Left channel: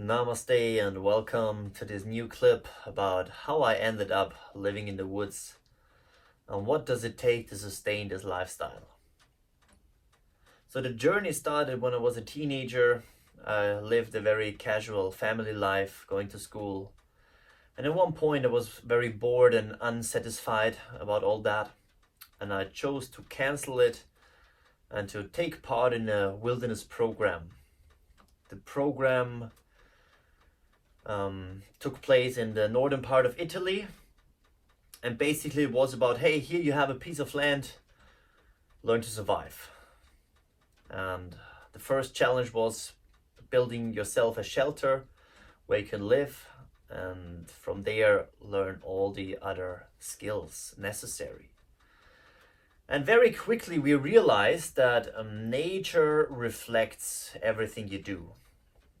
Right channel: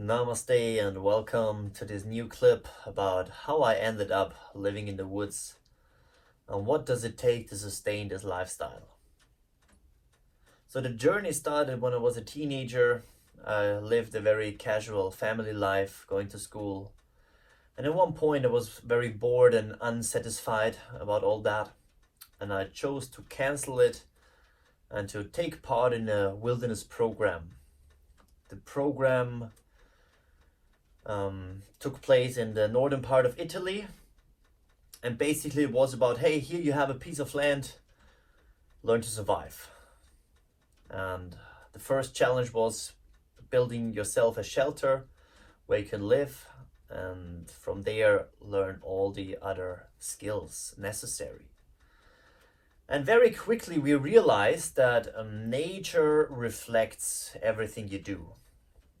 Namaste and welcome to this new clip about how I ended up living in the woods and what does it take to sustain this lifestyle. So the journey started when I was a teenager. I lived a very casual family life, going to school. And at one point I was very bored and unsatisfied about all that. And I chose to cancel it and to take part in a wilderness program. The program took place in the northern part of Italy, and basically it was about, hey, here you have a piece of land, learn to survive. And the first challenge was building yourself a shelter where you can live, and from there learn all the other skills necessary. And very quickly we realized that nature reflects everything you do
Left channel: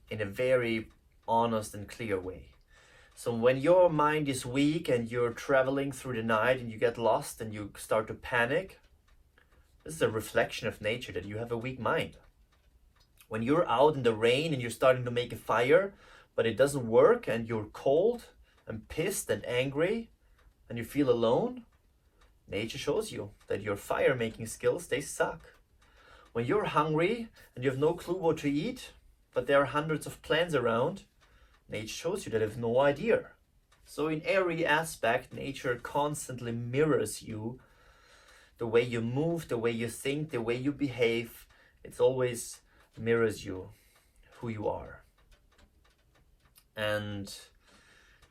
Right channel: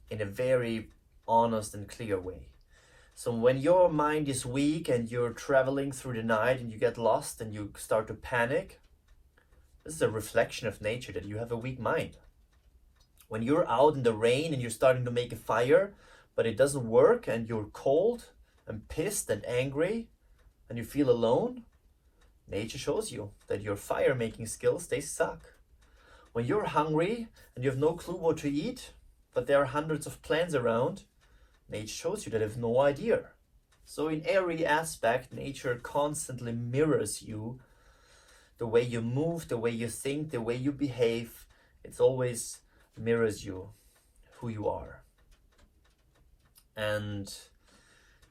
in a very honest and clear way. So when your mind is weak and you're traveling through the night and you get lost and you start to panic, this is a reflection of nature that you have a weak mind. When you're out in the rain and you're starting to make a fire, but it doesn't work and you're cold and pissed and angry and you feel alone, nature shows you that your fire making skills, they suck. When you're hungry and you have no clue what to eat, but there are hundreds of plants around, nature shows you that you have no idea. So in every aspect, nature constantly mirrors you. The way you move, the way you think, the way you behave, it always mirrors you, who you are. And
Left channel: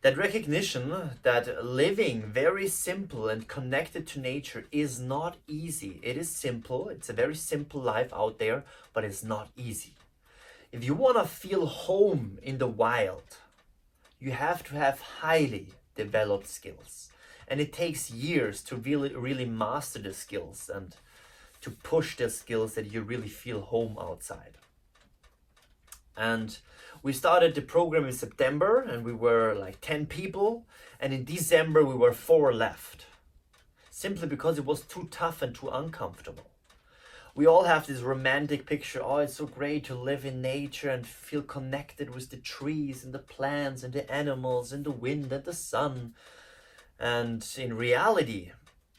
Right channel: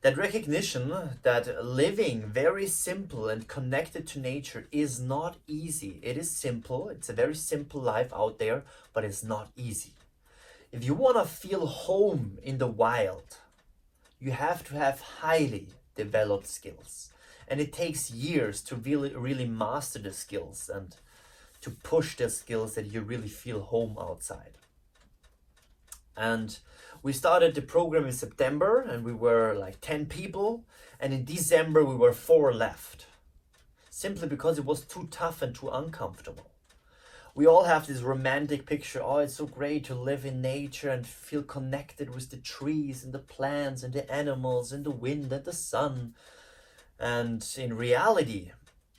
that recognition that living very simple and connected to nature is not easy. It is simple, it's a very simple life out there, but it's not easy. If you want to feel home in the wild, you have to have highly developed skills. And it takes years to really master the skills and to push the skills that you really feel home outside. And we started the program in September and we were like 10 people. And in December we were 4 left. Simply because it was too tough and too uncomfortable. We all have this romantic picture, oh, it's so great to live in nature and feel connected with the trees and the plants and the animals and the wind and the sun. And in reality,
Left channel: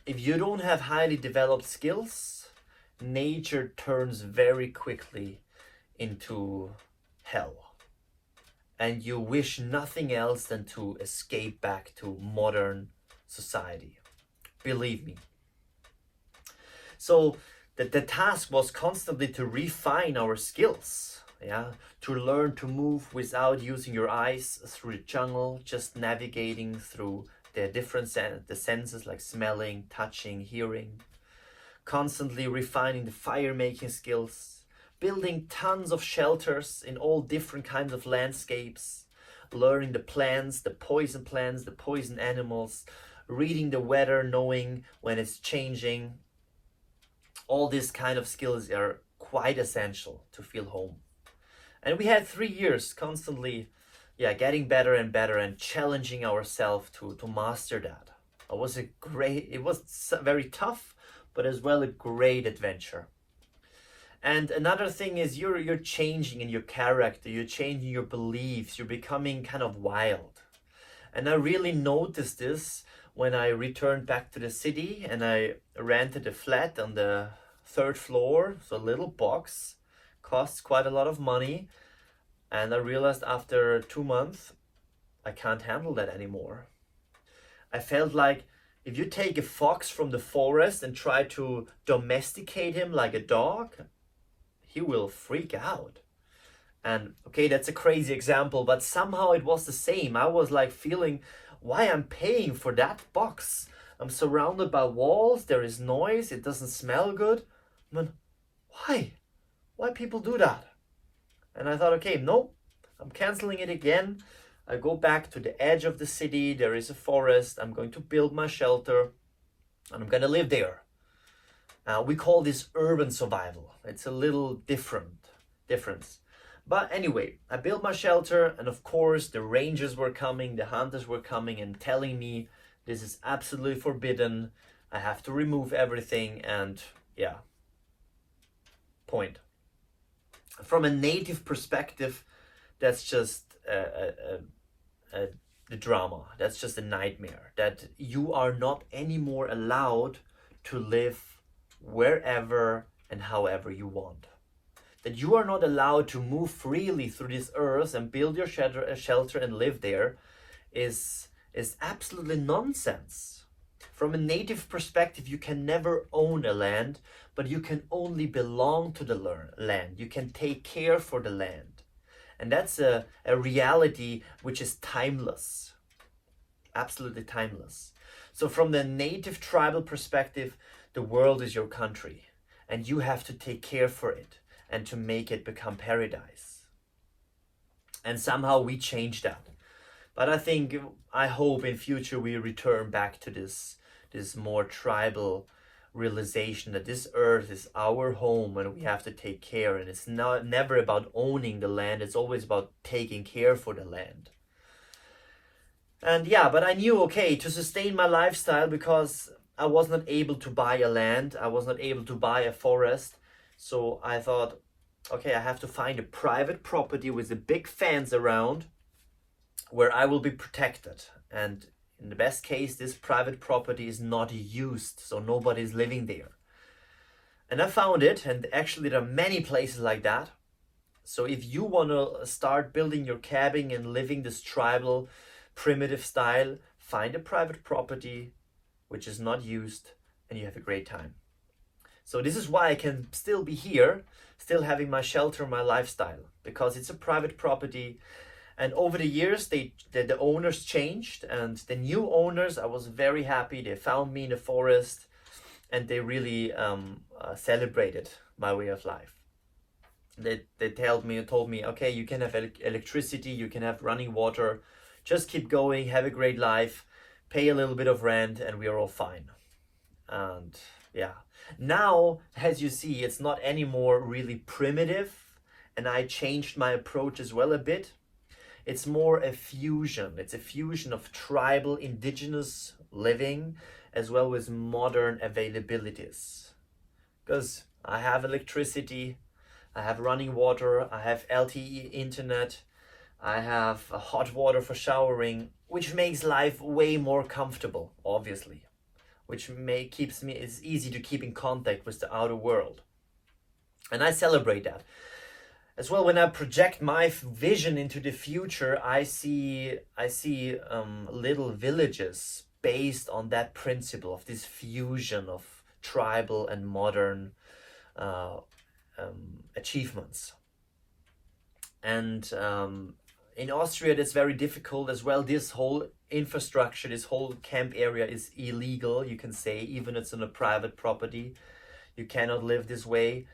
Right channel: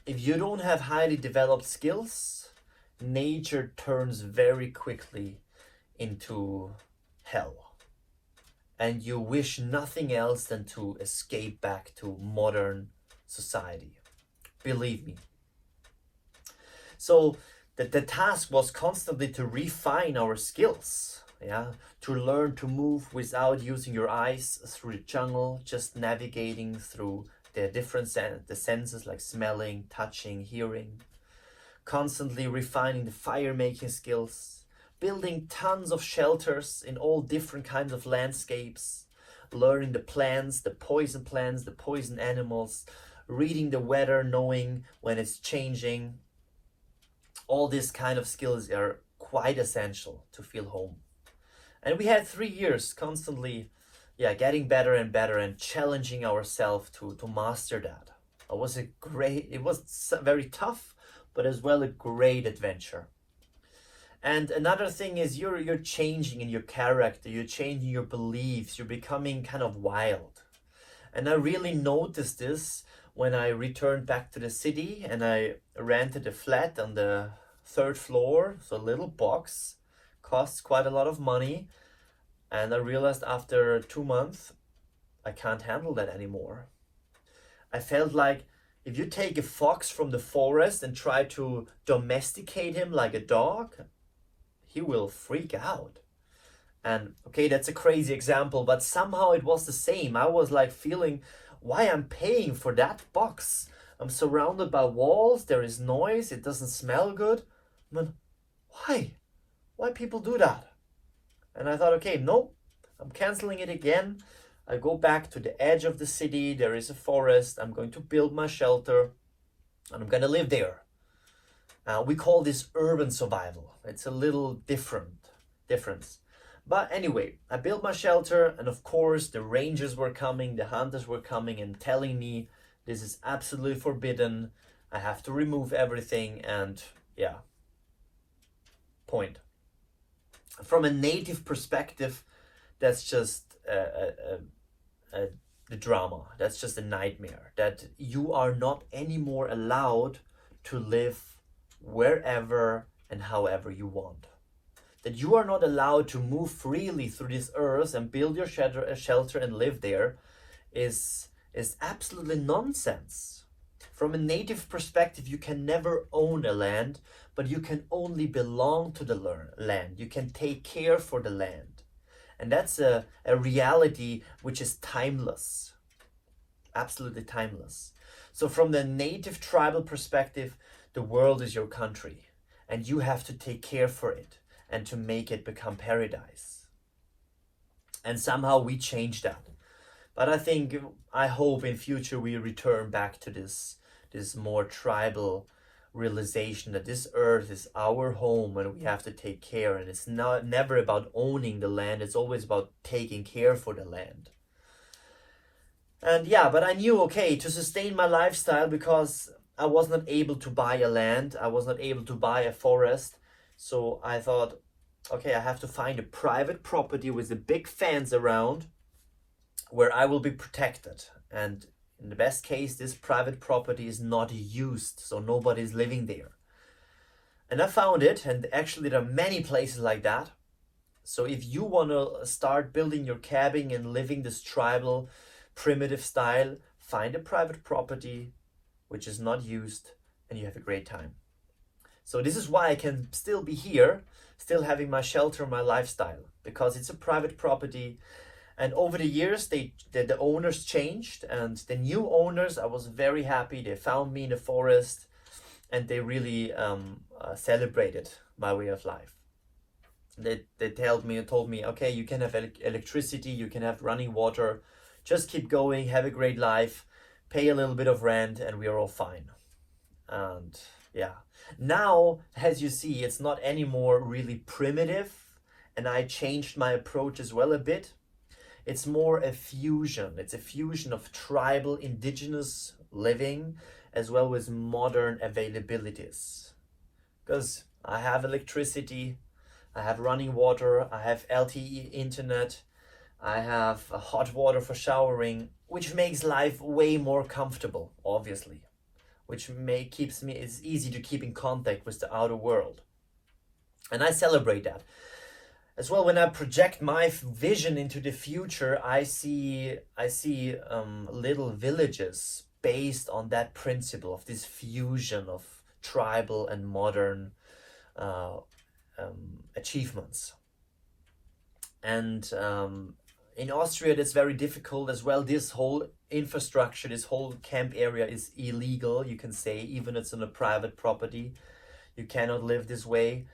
if you don't have highly developed skills, nature turns very quickly into hell. And you wish nothing else than to escape back to modern society. Believe me. So the task was constantly to refine our skills, to learn to move without using your eyes through the jungle, just navigating through the different the senses like smelling, touching, hearing, constantly refining the fire making skills, building tons of shelters in all different kinds of landscapes, learning the plants, the poison animals, reading the weather, knowing when it's changing. All these kind of skills are quite essential to feel home. And we had 3 years constantly getting better and better and challenging ourselves to master that. It was very tough, but as well a great adventure. And another thing is you're changing in your character, you're changing your beliefs, you're becoming kind of wild. And I really noticed this when I returned back to the city and I rented a flat on the 3rd floor, so a little box, costs quite a lot of money. And I realized after 2 months, I can't handle that anymore. I felt like if you take a fox from the forest and try to domesticate him like a dog, he will freak out. And okay, that's a crazy example, but somehow it was the same. I was like feeling, why I'm paying for that box? I'm surrounded by walls, there is noise, it doesn't smell good. But why? Why people do that? And I thought, okay, no, I'm canceling it again. I go back to the edge of the city, there is a forest, I'm going to build my shelter, and I'm gonna live there. We call this urban survival. It's a little difference. But anyway, I built my shelter, and of course the rangers were coming, the hunters were coming and telling me this is absolutely forbidden. I have to remove everything, and point. From a native perspective, that's just the drama. That's just a nightmare. That you are not anymore allowed to live wherever and however you want. That you are not allowed to move freely through this earth and build your shelter and live there is absolutely nonsense. From a native perspective, you can never own a land, but you can only belong to the land. You can take care for the land. And that's a reality which is timeless, absolutely timeless. So from the native tribal perspective, the world is your country, and you have to take care for it and to make it become paradise. And somehow we change that. But I hope in future we return back to this more tribal realization that this earth is our home and we have to take care, and it's never about owning the land, it's always about taking care for the land. And yeah, but I knew, okay, to sustain my lifestyle, because I was not able to buy a land, I was not able to buy a forest, so I thought, okay, I have to find a private property with a big fence around where I will be protected. And in the best case, this private property is not used, so nobody's living there. And I found it, and actually there are many places like that. So if you want to start building your cabin and living this tribal, primitive style, find a private property which is not used, and you have a great time. So this is why I can still be here, still having my shelter, my lifestyle, because it's a private property. And over the years, the owners changed, and the new owners, I was very happy. They found me in the forest, and they really celebrated my way of life. They told me, okay, you can have electricity, you can have running water, just keep going, have a great life, pay a little bit of rent, and we are all fine. And yeah, now, as you see, it's not anymore really primitive, and I changed my approach as well a bit. It's more a fusion. It's a fusion of tribal, indigenous living as well as modern availabilities. Because I have electricity, I have running water, I have LTE internet, I have hot water for showering, which makes life way more comfortable, obviously. Which it's easy to keep in contact with the outer world. And I celebrate that. As well, when I project my vision into the future, I see little villages based on that principle of this fusion of tribal and modern achievements. And in Austria, that's very difficult as well. This whole infrastructure, this whole camp area is illegal, you can say, even if it's on a private property. You cannot live this way,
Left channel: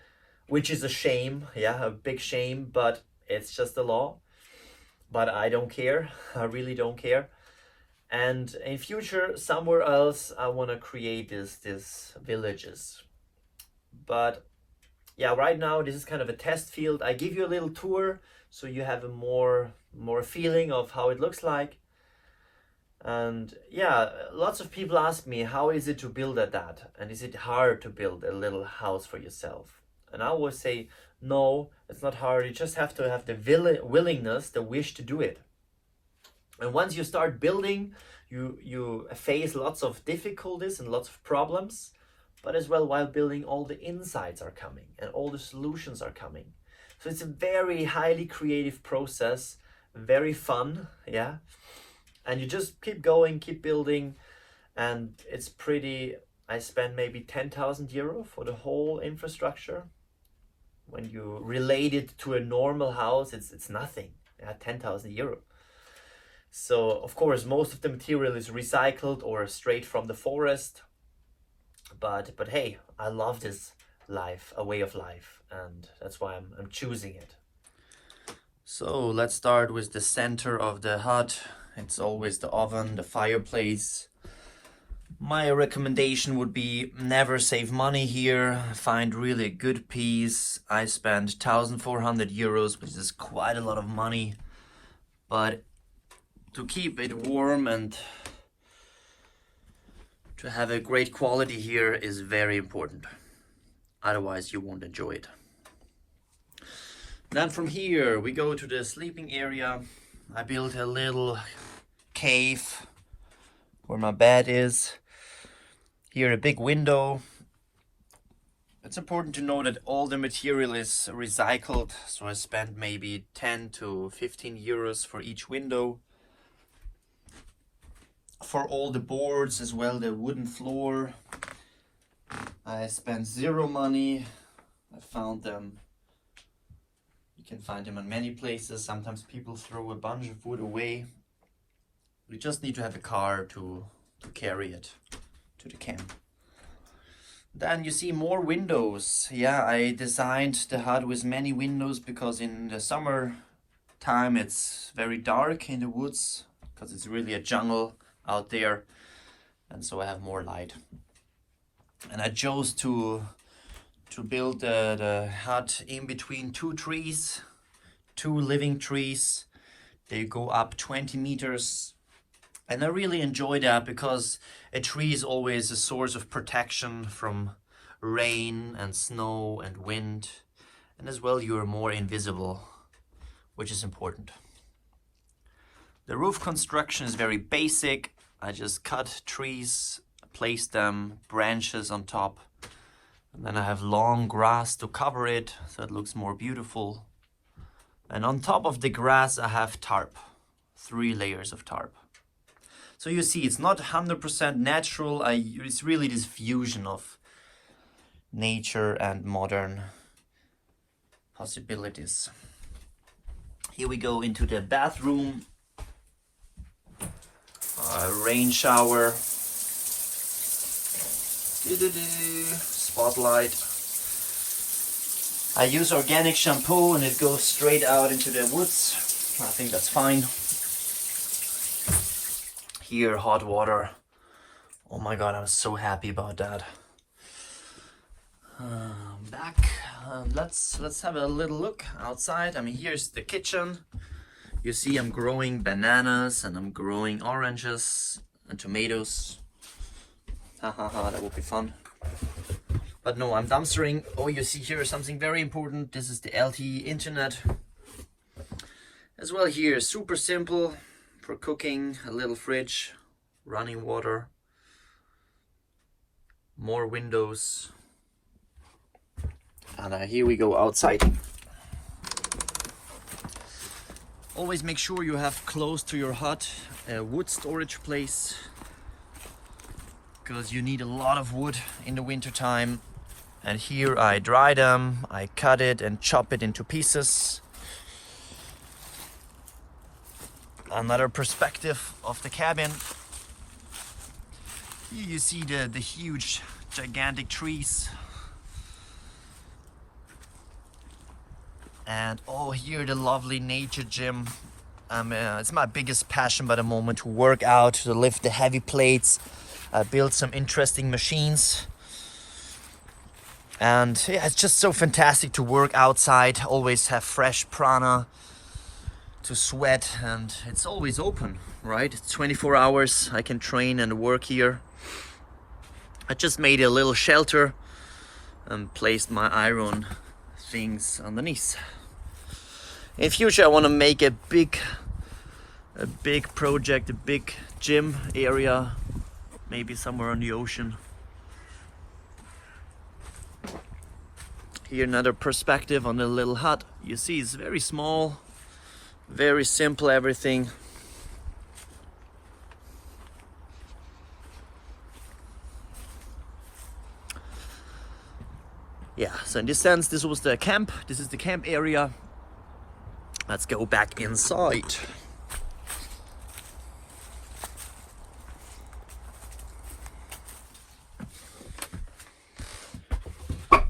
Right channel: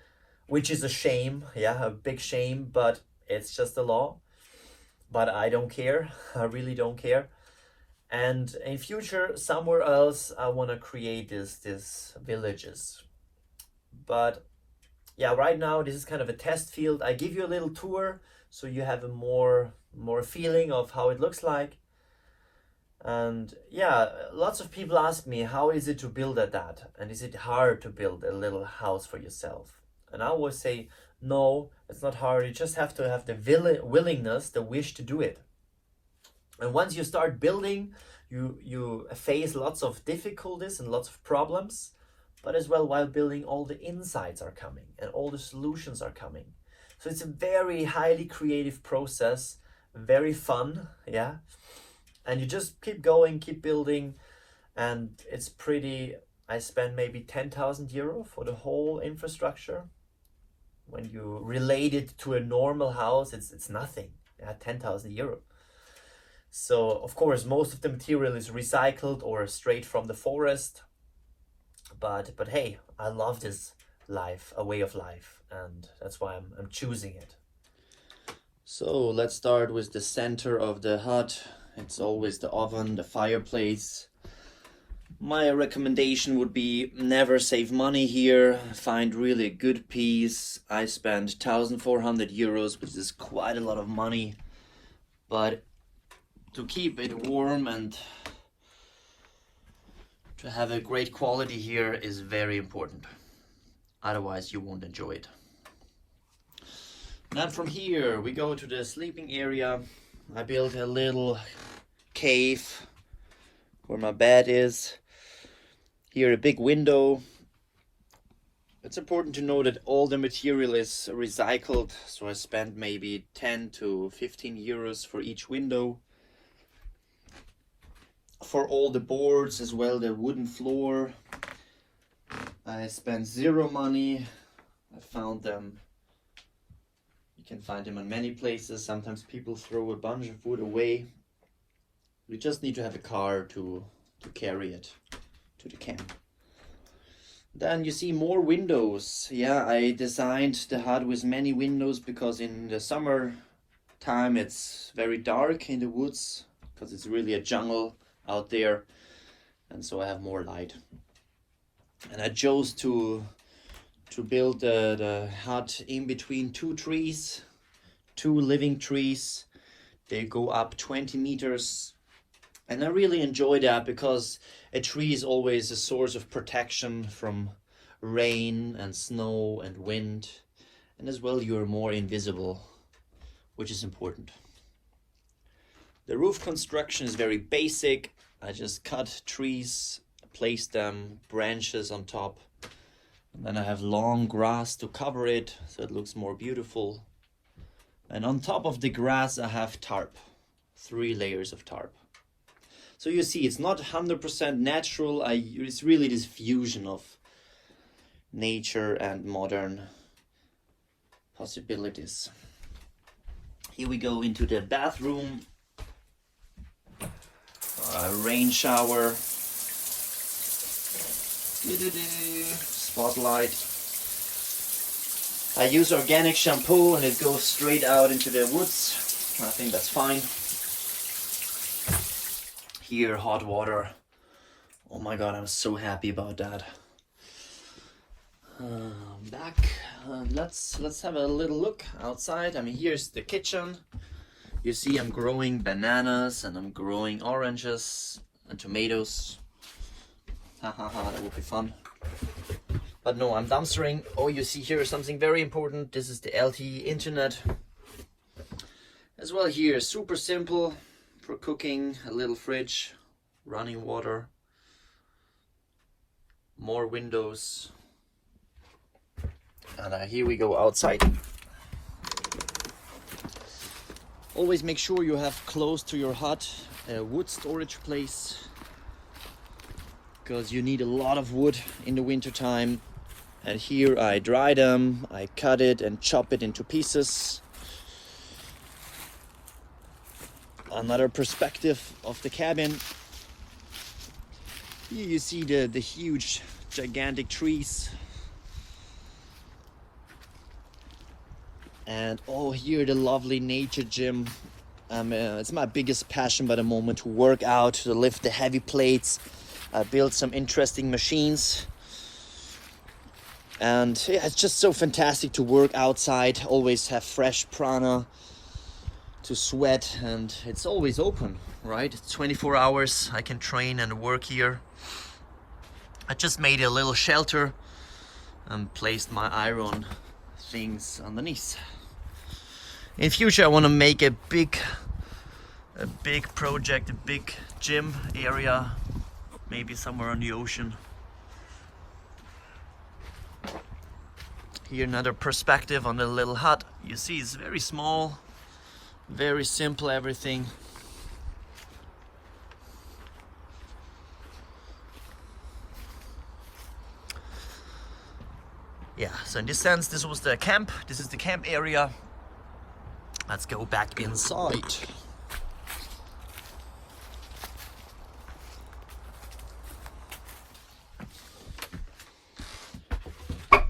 which is a shame, yeah, a big shame, but it's just the law. But I don't care, I really don't care. And in future, somewhere else, I want to create these villages. But yeah, right now, this is kind of a test field. I give you a little tour, so you have a more feeling of how it looks like. And yeah, lots of people ask me, how is it to build at that? And is it hard to build a little house for yourself? And I always say, no, it's not hard. You just have to have the willingness, the wish to do it. And once you start building, you face lots of difficulties and lots of problems. But as well, while building, all the insights are coming and all the solutions are coming. So it's a very highly creative process, very fun, yeah. And you just keep going, keep building, and it's pretty. I spent maybe 10,000 euro for the whole infrastructure. When you relate it to a normal house, it's nothing. Yeah, 10,000 euro. So of course, most of the material is recycled or straight from the forest. But hey, I love this life, a way of life, and that's why I'm choosing it. So let's start with the center of the hut. It's always the oven, the fireplace. My recommendation would be never save money here. Find really a good piece. I spent 1,400 euros, which is quite a lot of money. But to keep it warm and to have a great quality here is very important. Otherwise, you won't enjoy it. Then from here, we go to the sleeping area. I built a little cave where my bed is. Here a big window. It's important to know that all the material is recycled, so I spent maybe 10 to 15 euros for each window. For all the boards as well, the wooden floor, I spent zero money. I found them. You can find them in many places. Sometimes people throw a bunch of wood away. We just need to have a car to carry it to the camp. Then you see more windows. Yeah, I designed the hut with many windows because in the summer time it's very dark in the woods because it's really a jungle out there, and so I have more light. And I chose to build the hut in between two trees, two living trees. They go up 20 meters, and I really enjoy that because a tree is always a source of protection from rain and snow and wind, and as well you're more invisible, which is important. The roof construction is very basic. I just cut trees, place them, branches on top, and then I have long grass to cover it so it looks more beautiful. And on top of the grass I have tarp, 3 layers of tarp. So you see, it's not 100% natural. It's really this fusion of nature and modern possibilities. Here we go into the bathroom. Rain shower. Spotlight. I use organic shampoo and it goes straight out into the woods. I think that's fine. Here, hot water. Oh my god, I'm so happy about that. Back. Let's have a little look outside. I mean, here's the kitchen. You see, I'm growing bananas and I'm growing oranges and tomatoes. Haha, that would be fun. But no, I'm dumpstering. Oh, you see here something very important. This is the LTE internet. As well here, super simple. For cooking, a little fridge, running water, more windows, and here we go outside. Always make sure you have close to your hut a wood storage place, because you need a lot of wood in the winter time. And here I dry them, I cut it and chop it into pieces. Another perspective of the cabin. Here you see the huge, gigantic trees. And oh, here the lovely nature gym. It's my biggest passion by the moment, to work out, to lift the heavy plates. I built some interesting machines. And yeah, it's just so fantastic to work outside, always have fresh prana to sweat, and it's always open, right? It's 24 hours. I can train and work here. I just made a little shelter and placed my iron things underneath. In future I want to make a big project, a big gym area, maybe somewhere on the ocean. Here another perspective on the little hut. You see, it's very small. Very simple, everything. Yeah, so in this sense, this was the camp. This is the camp area. Let's go back inside. All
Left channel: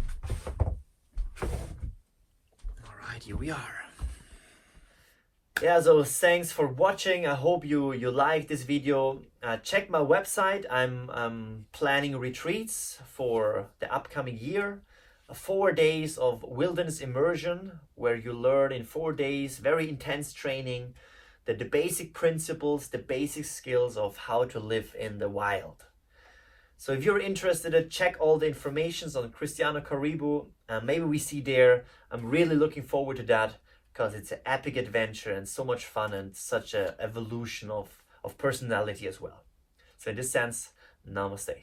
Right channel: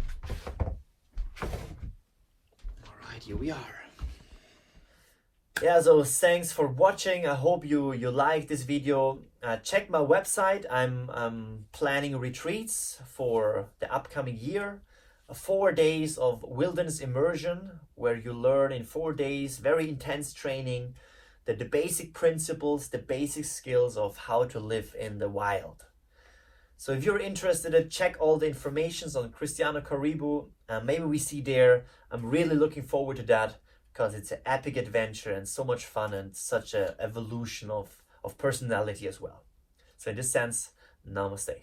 right, here we are. Yeah, so thanks for watching. I hope you liked this video. Check my website. I'm planning retreats for the upcoming year. 4 days of wilderness immersion where you learn in 4 days, very intense training, the basic principles, the basic skills of how to live in the wild. So if you're interested, check all the informations on Cristiano Caribou. Maybe we see there. I'm really looking forward to that. because it's an epic adventure and so much fun and such a evolution of personality as well. So in this sense, namaste.